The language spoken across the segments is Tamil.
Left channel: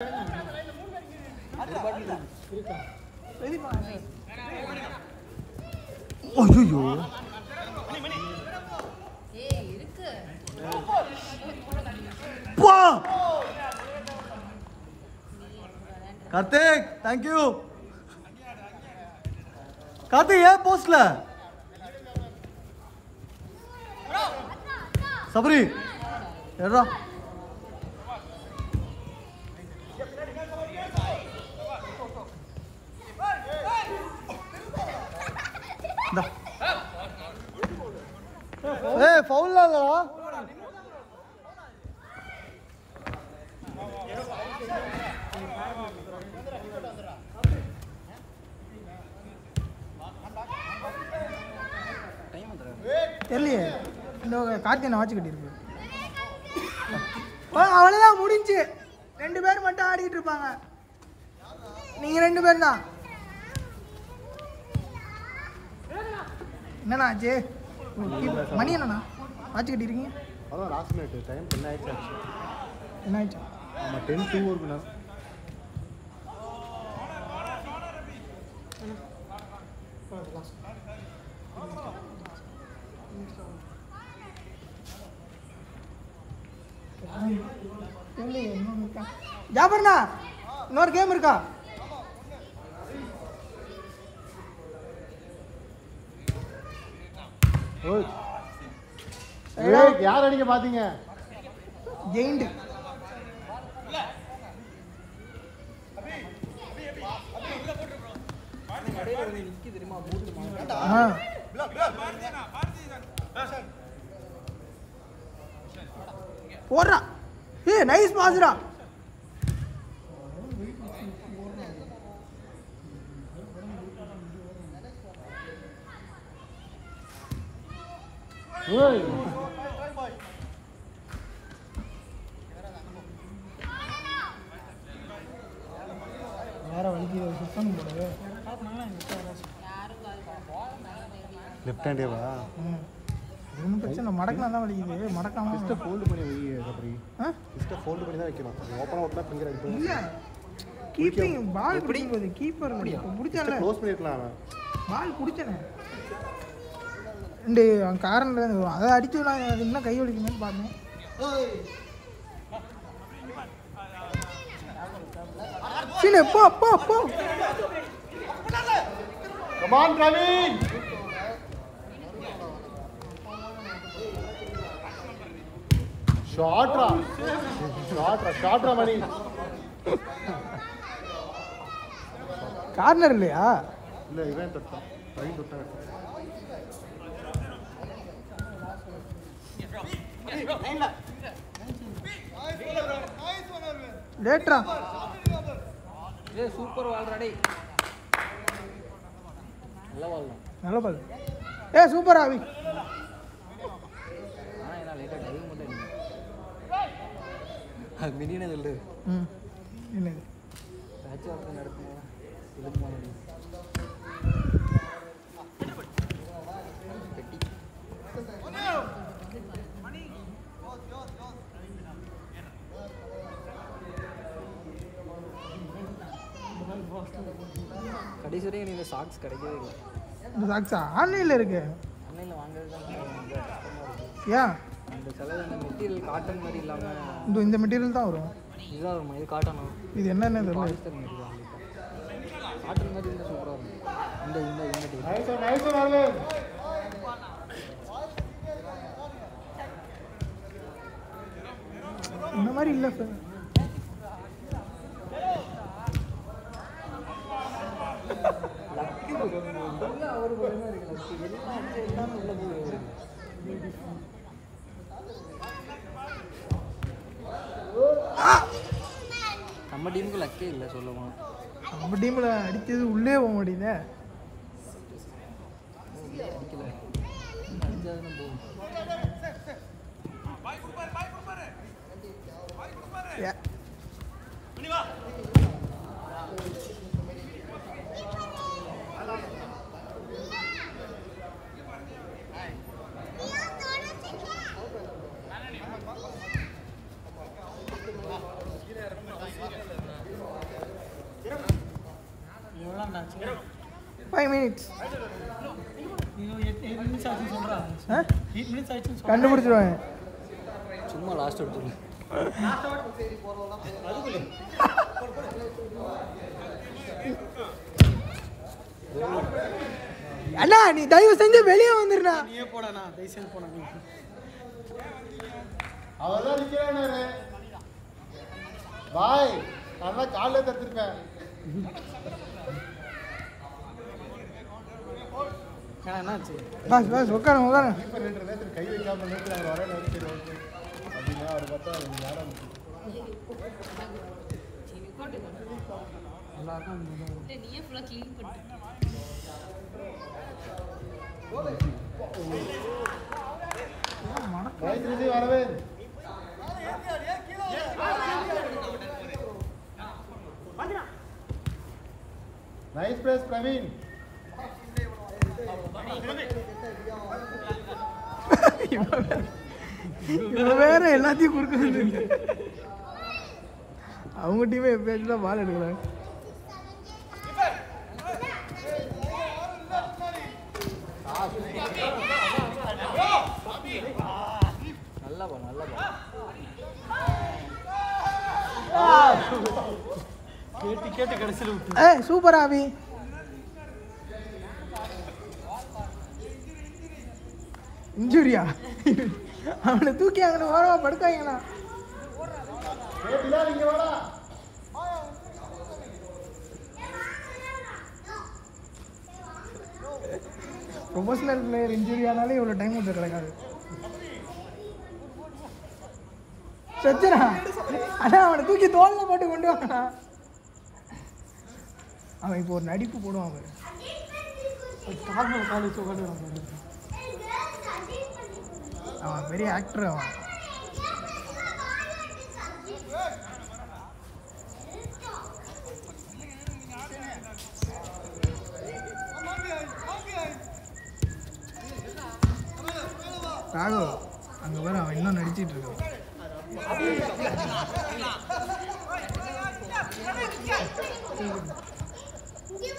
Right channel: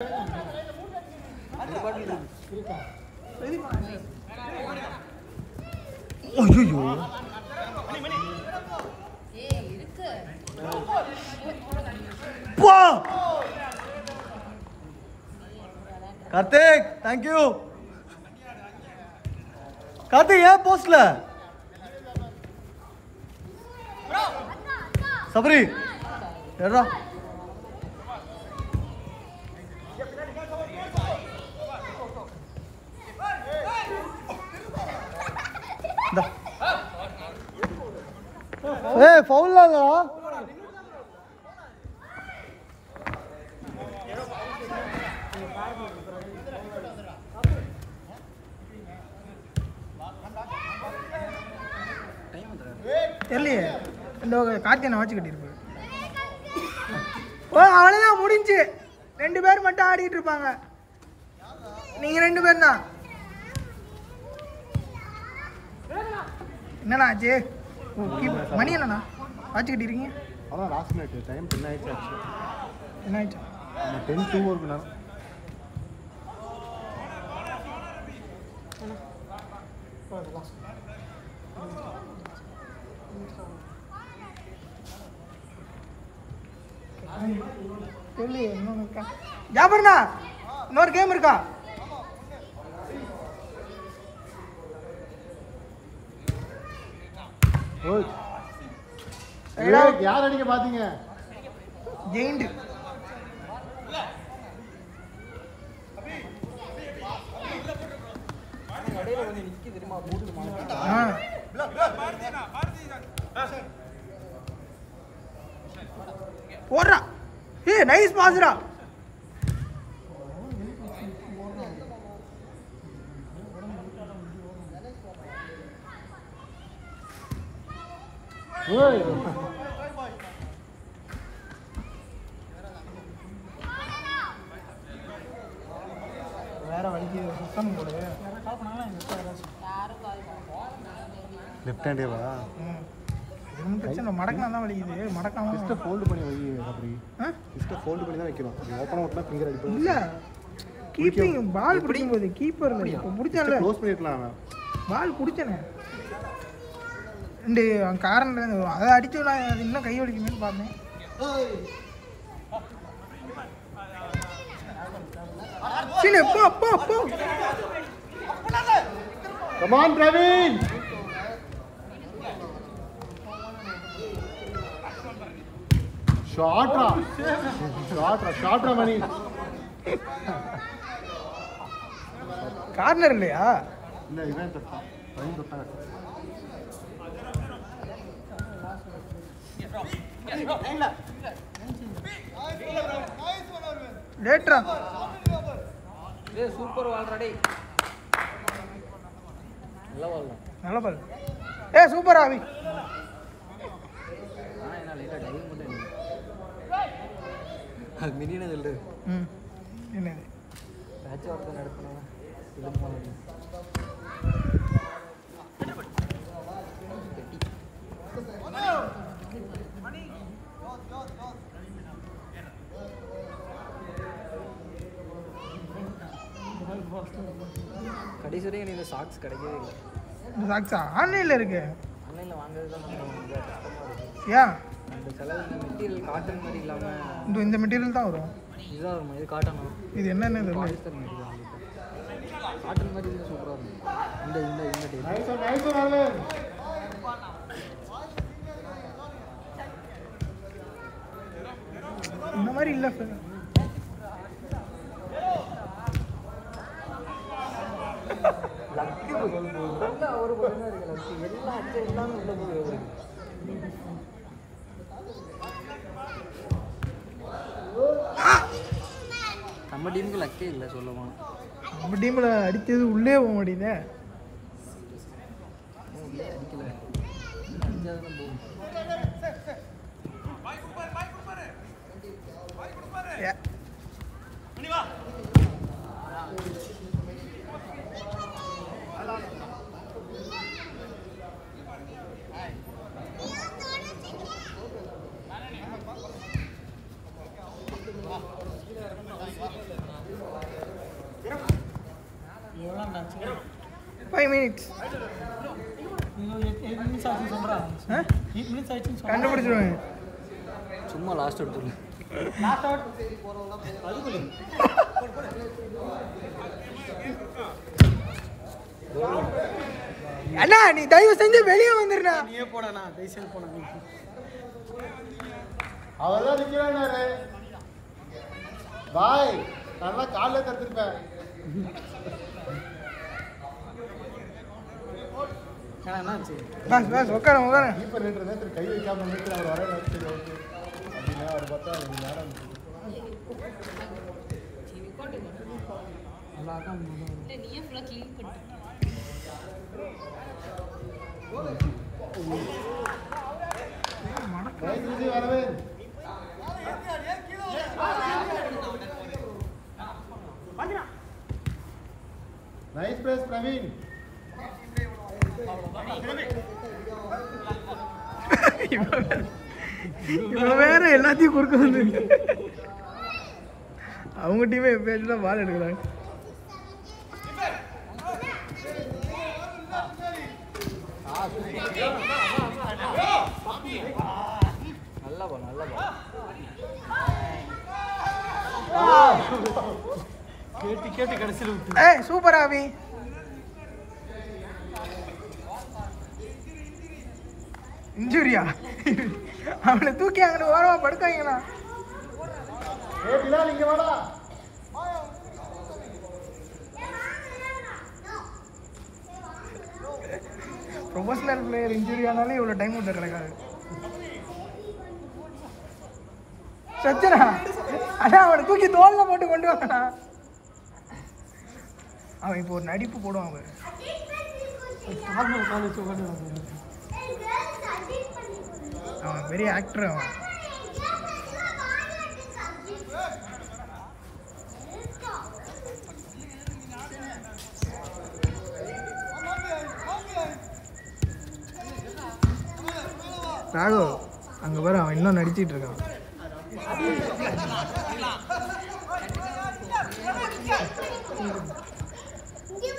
ஐயோ கார்த்திக் தேங்க்யூ கார்த்திக் ஏன் போஸ்ட்ல சபரி ஏறா ஏய் ஃபவுல் இல்லடா தெரியலையே இந்த கார்த்திகை வாட்ச் கட்டியிருப்பேன். ஓ அவ்வளோதான் முடிஞ்சு. 2 பேர் மட்டும் ஆடிட்டு இருப்பாங்க. நீங்கள் 2 பேர் தான். என்னண்ணா ஆச்சு? மணி என்னண்ணா வாட்ச் கட்டியிருக்கீங்க? அதான் லாஸ்ட் மினிட் டைம் 10 ஆயிடுச்சு. என்ன ஆயிடுச்சு? 10-2 இருக்கு நான். ஜாபர்ண்ணா இன்னொரு கேம் இருக்கா? யார் அடிக்க பாத்தீங்க? ஜெயிண்ட் போடுறா. A nice Basra. ஓய் வேற வலிக்கு சுத்தம் போடு. லெஃப்ட் ஹேண்டேவா? பிரச்சனை மடக்கலாம் தான் வலிக்குது. மடக்கலாம் சிஸ்ட ஃபோல்ட் பண்ணி வை அப்படி. சிஸ்ட ஃபோல்ட் பண்ணி தான் வைக்கணும். ஓபன் ஓபன் ஃபிங்கர் அடிப்போம். இல்ல கீப்பிங் பால் பிடிக்கும்போது கீப்பர் இப்ப புடிச்சால க்ளோஸ் பண்ணிடலாம். பால் புடிச்சனே இந்த காரணம் அதை அடிச்சு நான் அது இன்னும் கை வலிக்குமேன்னு பார்த்தேன். சரி போ போ போ. Come on Praveen. ஷாட்ரா மணி. கார்னர் இல்லையா? இல்ல இவன் தொட்டான். பிரவீன் தொட்டான். லேட்ரா. ஏய் சூப்பர் ஆல்ரெடி. நல்ல பால். ஏ சூப்பர் ஆவி. என்ன லேட்டா டைவிங் மட்டும் இல்லை. அது மினினே சொல்லு. என்ன மேட்ச் ஒர்க் நடத்துனா இது மாதிரி கடைசி வரைக்கும் எனக்கு சாக்ஸ் கிடைக்கவே இல்லை. இந்த சாக்ஸா ஆன்லைனில் இருக்கு. ஆன்லைனில் வாங்குறது தான் ஏன் அந்த செலவு இந்த மெட்டீரியல் காட்டன் மாதிரி இல்லாமல் இந்த மெட்டீரியல் தான் வரும். இதுதான் வருமா? இது காட்டனா? இது என்னென்ன தெரியல. பாலிஸ்டர் மெட்டீரியல் காட்டன் மாதிரி இருந்தால் சூப்பராக இருக்கும். இந்த இந்த இந்த நைஸ் நாளே. இந்த மாதிரி இல்லை. நம்ம டீமுக்கு லக்கே இல்லை சொல்லுவோம். நம்ம டீமில் அடித்தது உள்ளே போக மாட்டேங்குதே. உள்ளே அடிக்கல அடிச்சாதானே போகும். Yeah. 5 minutes. கண்டுபிடிச்சிருவாங்க. சும்மா லாஸ்ட் எடுத்துருங்க. அண்ணா நீ தயவு செஞ்சு வெளியே வந்துருண்ணா. நீயே போடா தயவு செஞ்சு போனா நீ. அவர்தான் நிக்கிறானே பாய் நான் காலையில தடுத்துருப்பேன். என்னாச்சு பஸ் உட்காருங்க. இப்போ 2 நேரத்துக்கு கை வைக்காம நேரத்தில் அவர் வர வச்சு அப்படின்னா அவர் பார்த்தா அவங்க யாரும் வரவே நைஸ் பிளேஸ் பிரவீன். இவன் வேற எல்லாத்தையும் குறுக்க வந்து அவங்க டீமே எப்பயாச்சும் தான் பால் எடுக்கிறாங்க. நல்லா பா கேட்டு கடைசியில் விட்டு. ஏய் சூப்பர் ஆவி. இன்ஜுரியா? அவனை தூக்கி அங்கே ஓரமா படுக்காங்கண்ணா. ப்ரொஃபஷனல் பிளேயர் இன்ஜுரி ஆனாலே இவ்வளோ டைம் வந்து கிடைக்காது. சச்சனா அண்ணா அவனை தூக்கி தோல்ல போட்டு கொண்டு வாங்கண்ணா. அவன் இப்போ ஒரு நடிப்பு போடுவாங்க. நார்மல் காலேஜ் உட்காந்து அவன் பெரிய ஆக்டர். அவன் ராகவ் அங்கே பாரு அவன் இன்னும் நடிச்சிட்டு இருக்கான்.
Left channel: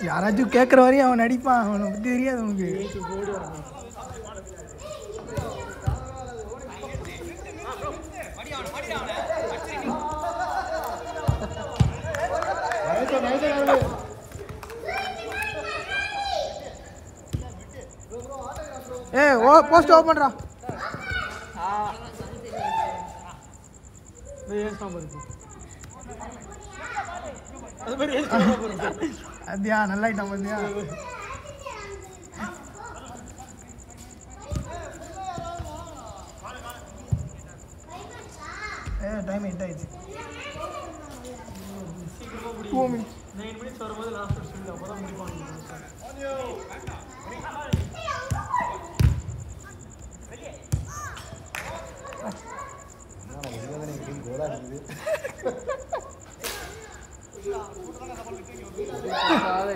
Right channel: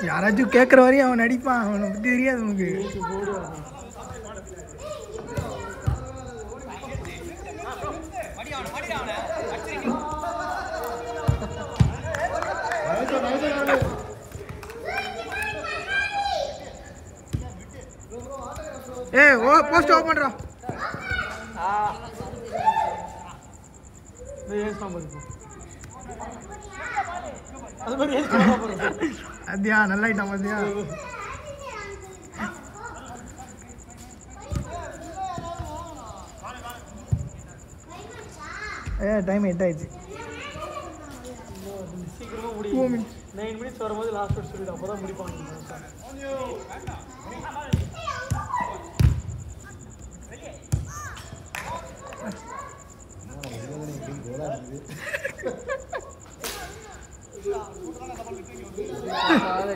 யாராச்சும் கேட்குற வரையும் அவன் நடிப்பான். அவனை பற்றி தெரியாது உனக்கு. போஸ்ட் ஓபன் பண்றா. அத்தியா நல்லா ஐட்டம் பாத்தியா. டைம் 8 ஆயிடுச்சு. 2 minutes 9 minutes வரும்போது லாஸ்ட் ஸ்பீட் அப்புறம் முடிப்பாங்க.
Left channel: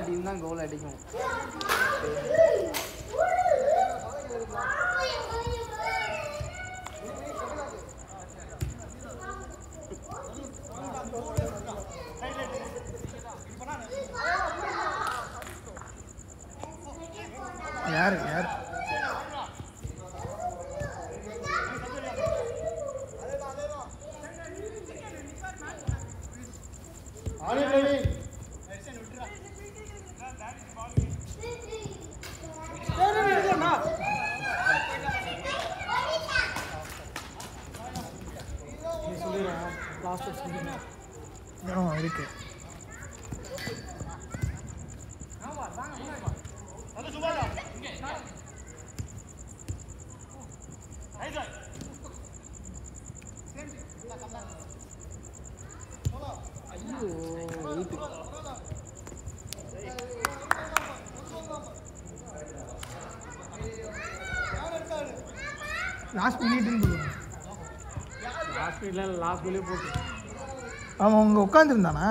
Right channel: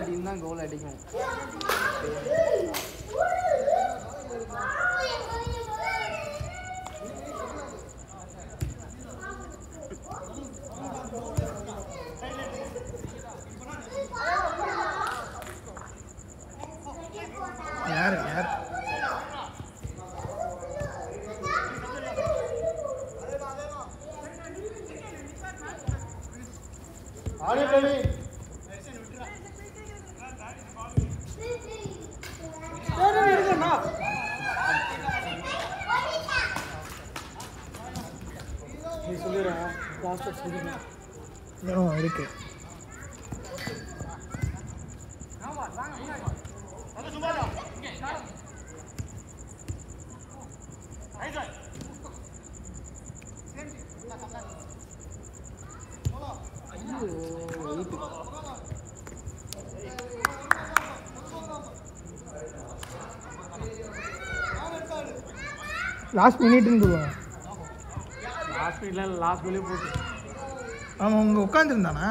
டீம் தான் கோல் அடிக்கும். யார் இருக்கு. லாஸ்ட் மினிட்னு சொல்லுவாங்க. லாஸ்ட் மினிட்ல லாஸ்ட் கோலே போட்டு. ஆமாம் அவங்க உட்காந்துருந்தானா?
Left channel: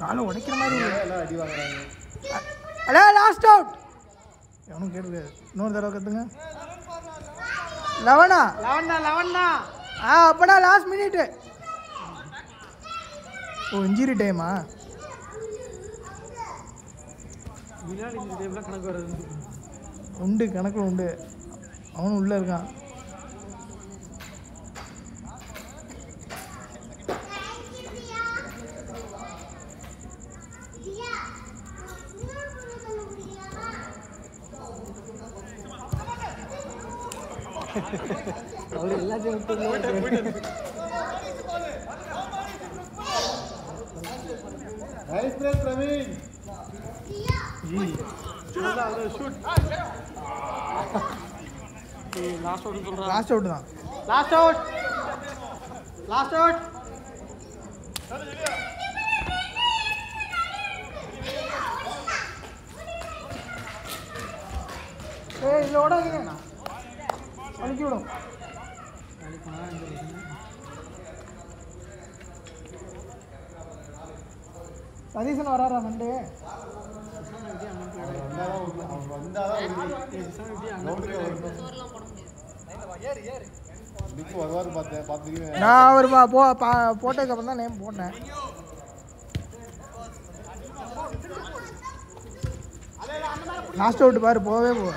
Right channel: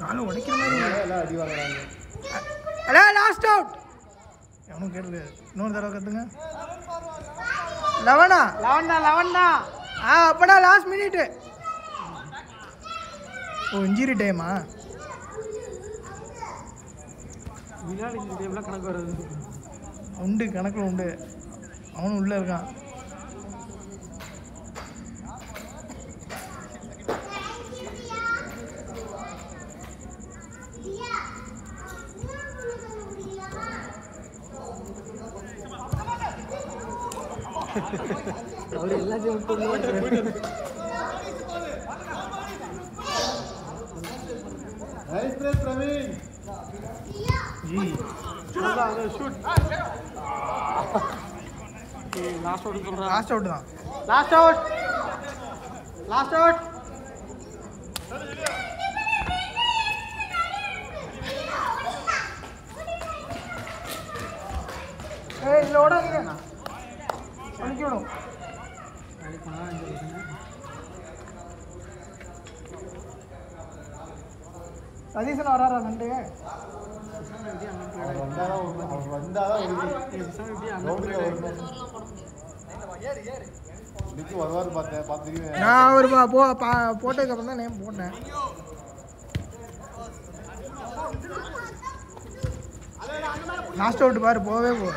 காலை உடைக்கிற மாதிரி லாஸ்ட் அவுட். எவனும் கேட்டு இன்னொரு தடவை கற்றுங்க. 11 11 அப்பனா லாஸ்ட் மினிட். ஓ இன்ஜுரி டைமா? வினாடி இந்த டைம்லாம் கணக்கு வராது. உண்டு கணக்கில் உண்டு. அவனும் உள்ளே இருக்கான். அவர் எல்லாத்தையும் விட்டு nice break Praveen. Shoot. Last out சொல்றா. லாஸ்ட் அவுட் தான். Last out. Last out. ஏய் இல்ல ஓடாதீங்க. அடிச்சு விடும். நாளைக்கு போனா இந்த பிரச்சனை சதீசன் வராரா ரெண்டு? நான் அவர் போட்டதுக்கு அப்புறம் தான் நேம் போட்டேன். லாஸ்ட் அவுட் பாரு போவே போ.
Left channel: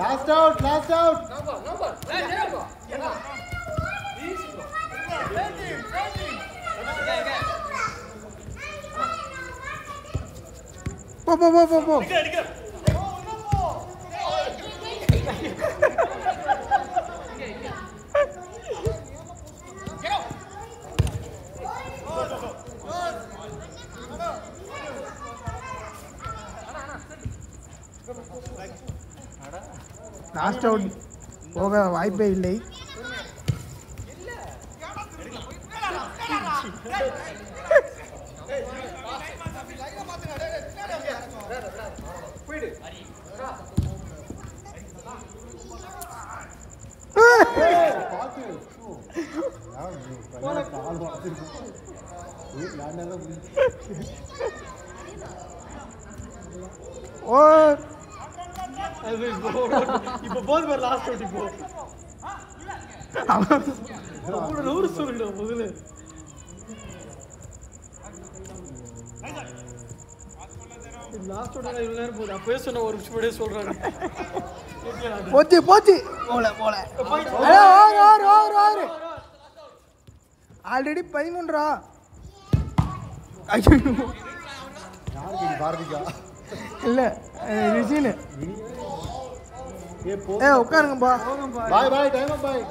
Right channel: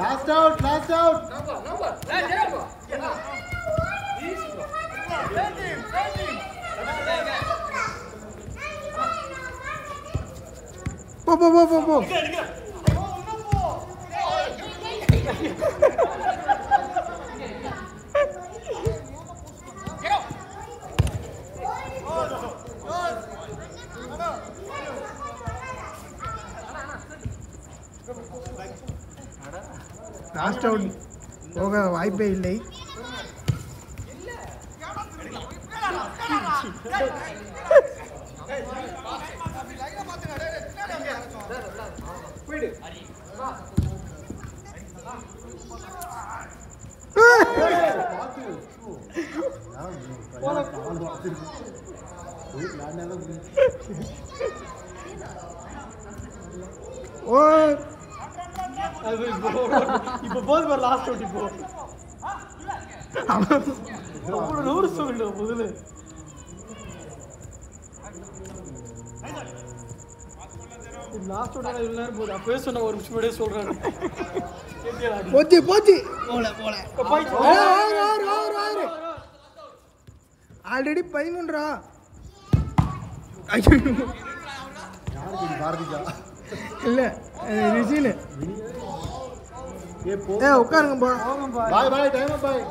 Last out last out. போ போ போ போ போ. லாஸ்ட் அவுட் போக வாய்ப்பே இல்லை. ஓ இப்போ போது பாரு லாஸ்ட் அவுட். இப்போ அவ்வளோ நூறு சொல்லு முதல்ல. லாஸ்ட் அவுட் இவ்வளோ நேரம் போகுது. அப்பவே சொன்ன ஒரு நிமிஷம் முன்னாடியே சொல்றாங்க. போச்சு போச்சு. போல போல ஆல்ரெடி 13. பாரதிகா இல்லை ரிஷின்னு. உட்காருங்கப்பா. பாய் பாய் டைம் பாய்.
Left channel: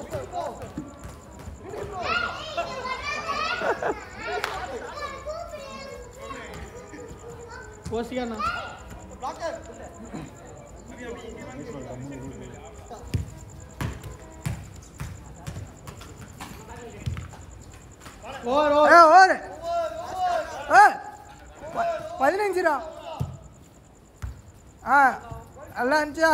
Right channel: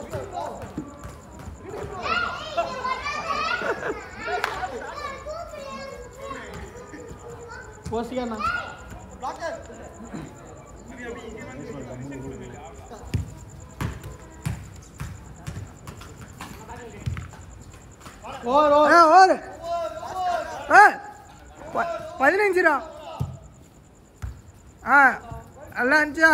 போசியாண்ணா ஓர் 15. நல்லா இருந்துச்சா?